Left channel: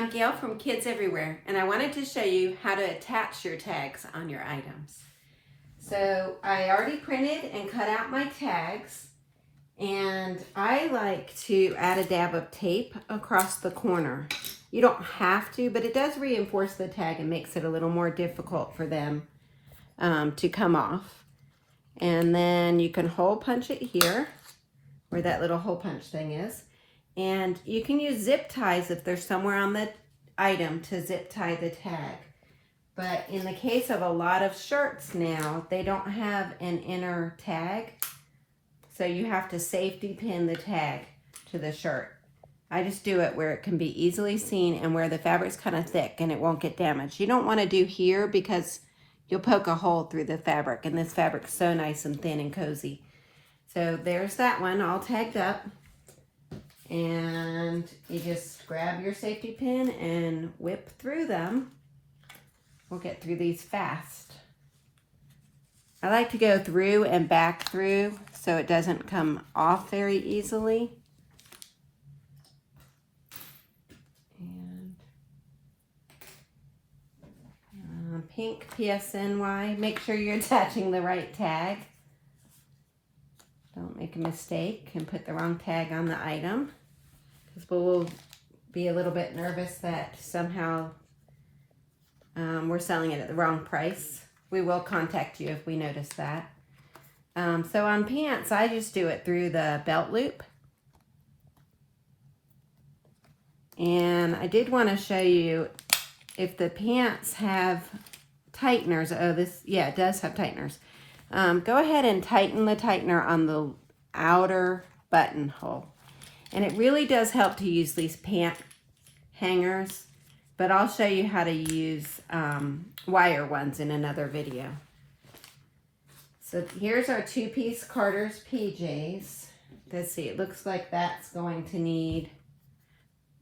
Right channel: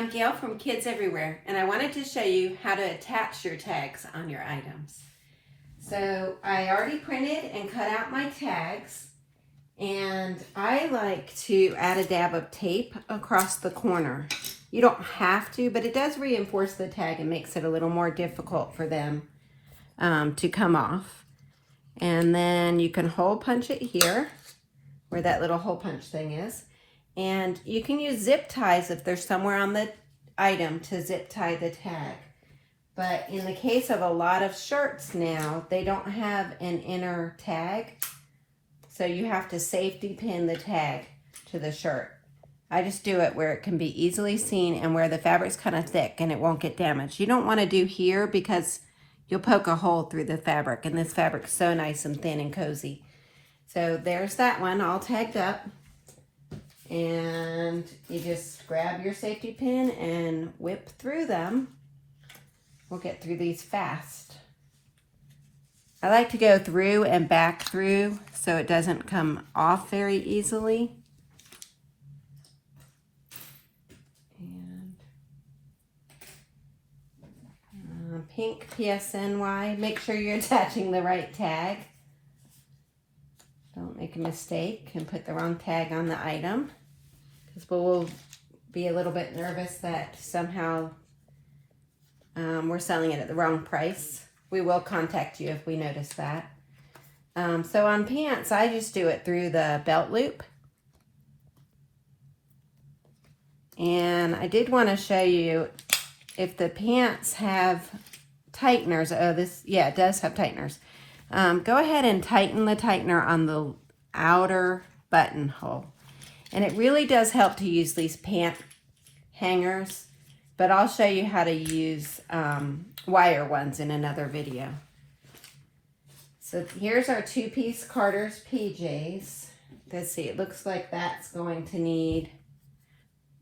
I'm Gail from Kids Everywhere, and I wanted to show you how to attach your tags on your items. So I already printed and cut out my tags, and I like to add a dab of tape across the corner. You don't have to, but it does reinforce the tag and makes it a little more difficult for them to come off. And then you can hole punch it here, where that little hole punch thing is. And you can use zip ties if there's somewhere on the item to zip tie the tag. But in the case of a lot of shirts now, they don't have an inner tag. So you have to safety pin the tag to the shirt. I just do it where it can be easily seen and where the fabric's kind of thick and it won't get damaged. You don't want to do here because you'll poke a hole through the fabric, and this fabric's so nice and thin and cozy. So there's that one all tagged up. And you just grab your safety pin and whip through them. We'll get through these fast. I like to go through and back through so it doesn't come off very easily. And pink PSNY. Make sure you're attaching the right tag. Don't make a mistake and put the wrong tag on the item, because we'll be a little bit nervous that somehow we're selling it at the wrong price. We will contact you if we notice that. So on pants, I just do it through the belt loop. And I did want to show you if the pants have tighteners. Oh, it does have tighteners. Go ahead and tighten the tightener on the outer buttonhole. And it really does help to use these pant hangers, but I'll show you how to use wire ones in another video. So here's our two-piece Carter's PJs. Let's see, it looks like that's going to need,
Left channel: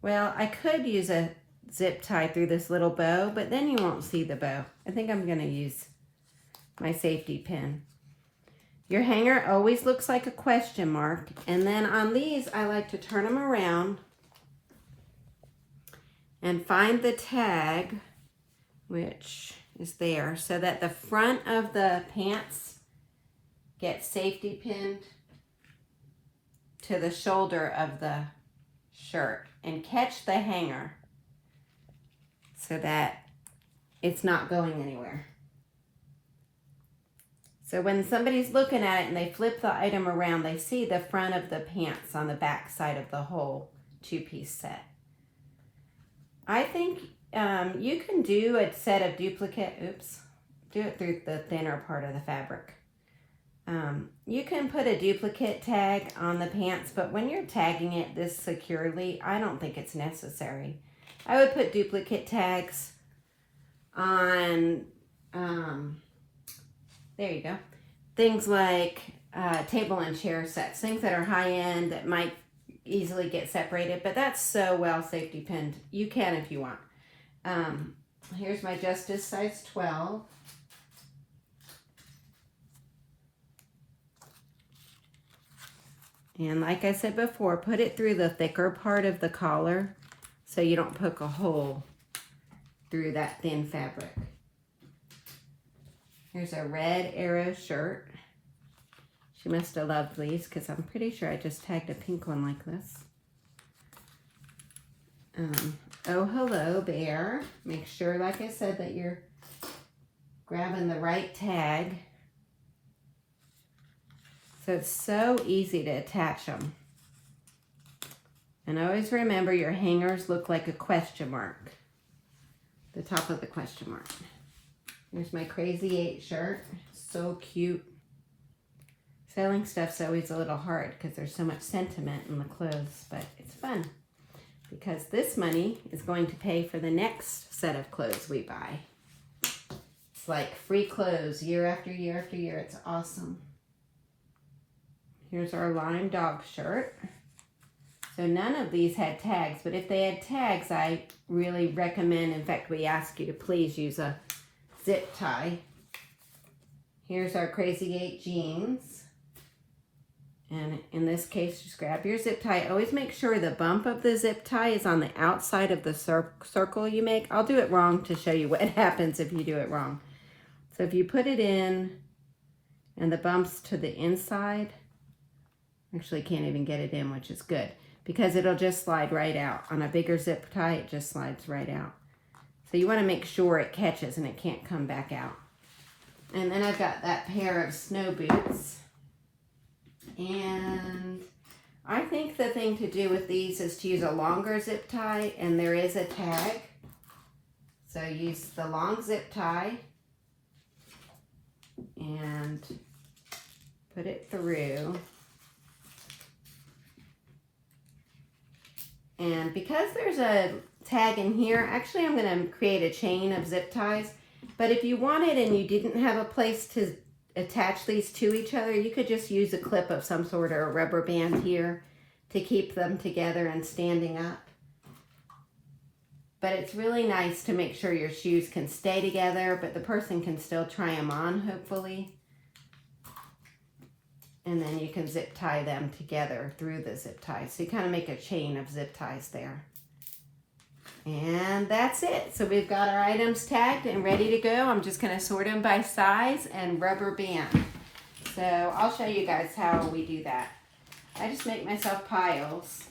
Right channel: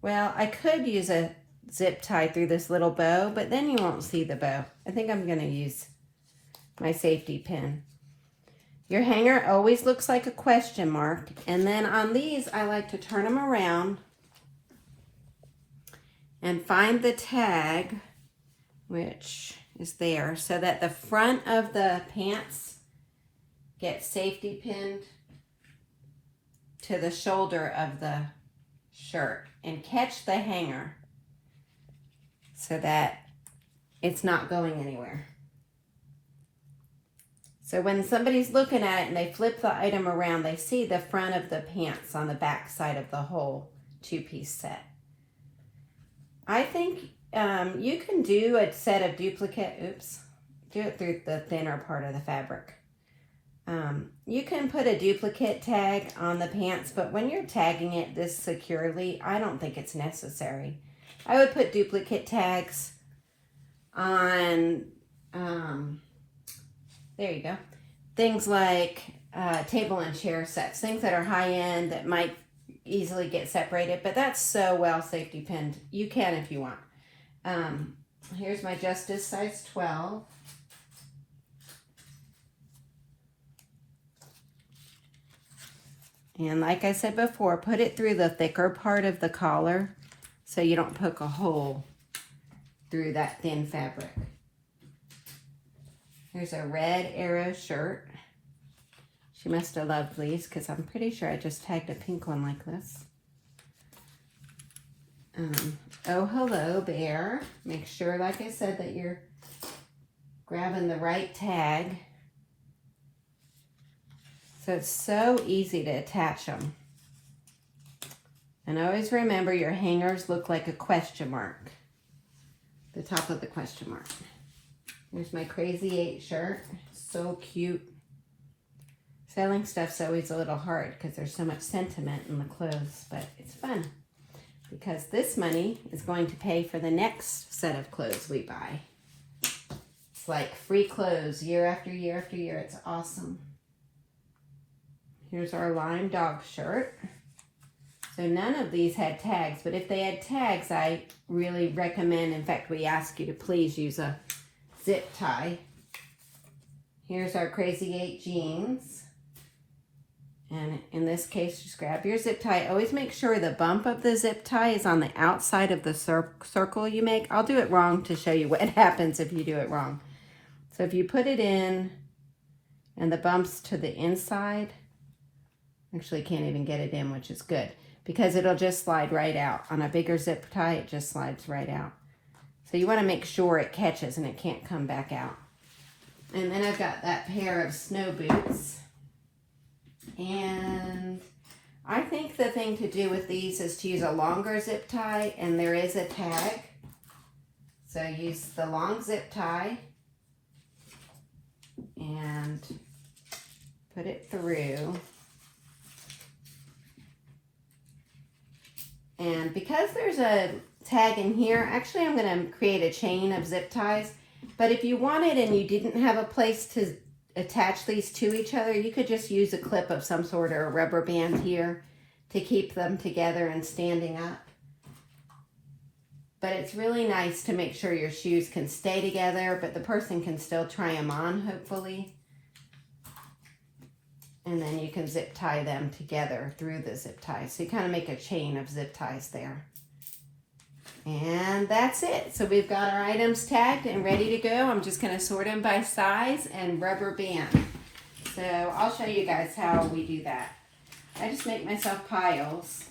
well, I could use a zip tie through this little bow, but then you won't see the bow. I think I'm going to use my safety pin. Your hanger always looks like a question mark. And then on these, I like to turn them around and find the tag, which is there, so that the front of the pants gets safety pinned to the shoulder of the shirt, and catch the hanger so that it's not going anywhere. So when somebody's looking at it and they flip the item around, they see the front of the pants on the back side of the whole two-piece set. I think you can do a set of duplicate, do it through the thinner part of the fabric. You can put a duplicate tag on the pants, but when you're tagging it this securely, I don't think it's necessary. I would put duplicate tags on, there you go, things like table and chair sets, things that are high-end that might easily get separated, but that's so well safety pinned. You can if you want. Here's my Justice size 12. And like I said before, put it through the thicker part of the collar so you don't poke a hole through that thin fabric. Here's a red arrow shirt. She must have loved these because I'm pretty sure I just tagged a pink one like this. Oh, hello there. Make sure, like I said, that you're grabbing the right tag. So it's so easy to attach them. And always remember, your hangers look like a question mark. The top of the question mark. Here's my Crazy 8 shirt. So cute. Selling stuff's always a little hard because there's so much sentiment in the clothes, but it's fun because this money is going to pay for the next set of clothes we buy. It's like free clothes year after year after year. It's awesome. Here's our lime dog shirt. So none of these had tags, but if they had tags, I really recommend, in fact, we ask you to please use a zip tie. Here's our Crazy 8 jeans. And in this case, just grab your zip tie. Always make sure the bump of the zip tie is on the outside of the circle you make. I'll do it wrong to show you what happens if you do it wrong. So if you put it in and the bump's to the inside, actually can't even get it in, which is good, because it'll just slide right out. On a bigger zip tie, it just slides right out. So you want to make sure it catches and it can't come back out. And then I've got that pair of snow boots. And I think the thing to do with these is to use a longer zip tie, and there is a tag. So use the long zip tie and put it through. And because there's a tag in here, actually I'm going to create a chain of zip ties. But if you wanted and you didn't have a place to attach these to each other, you could just use a clip of some sort or a rubber band here to keep them together and standing up. But it's really nice to make sure your shoes can stay together, but the person can still try them on, hopefully. And then you can zip tie them together through the zip ties. So you kind of make a chain of zip ties there. And that's it. So we've got our items tagged and ready to go. I'm just going to sort them by size and rubber band. So I'll show you guys how we do that. I just make myself piles.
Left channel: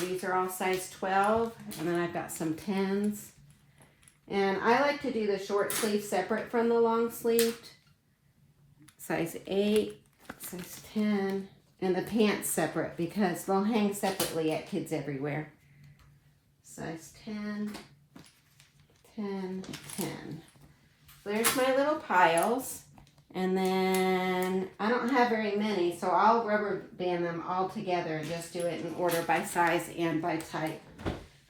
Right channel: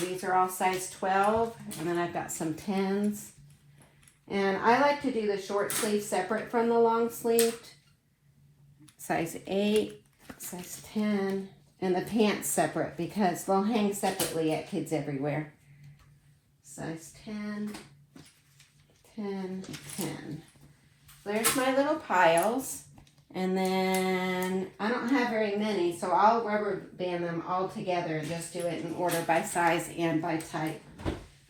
These are all size 12, and then I've got some 10s. And I like to do the short sleeve separate from the long sleeved. Size 8, size 10. And the pants separate because they'll hang separately at Kids Everywhere. Size 10, 10, 10. There's my little piles. And then I don't have very many, so I'll rubber band them all together and just do it in order by size and by type.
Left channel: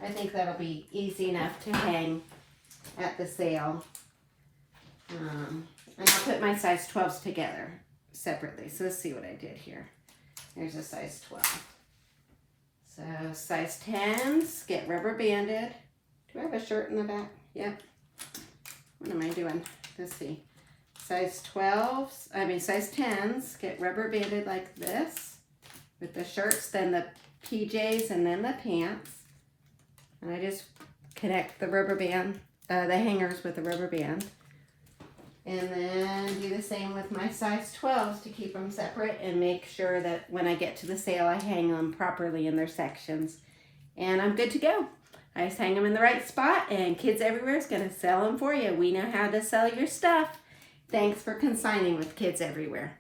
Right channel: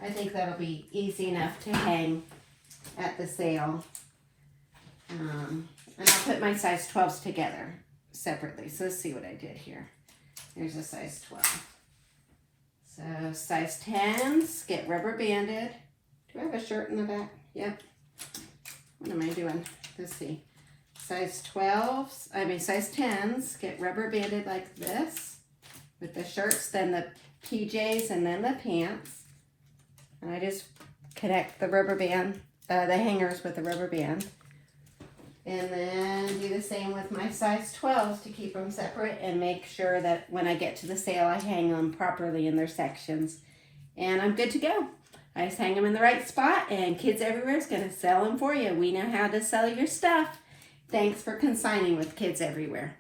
I think that'll be easy enough to hang at the sale. And I'll put my size 12s together separately. So let's see what I did here. Here's a size 12. So size 10s get rubber banded. Do I have a shirt in the back? Yep. What am I doing? Let's see. Size 12s, size 10s get rubber banded like this with the shirts, then the PJs, and then the pants. And I just connect the rubber band, the hangers with the rubber band. And then do the same with my size 12s to keep them separate and make sure that when I get to the sale, I hang them properly in their sections. And I'm good to go. I just hang them in the right spot, and Kids Everywhere is going to sell them for you. We know how to sell your stuff. Thanks for consigning with Kids Everywhere.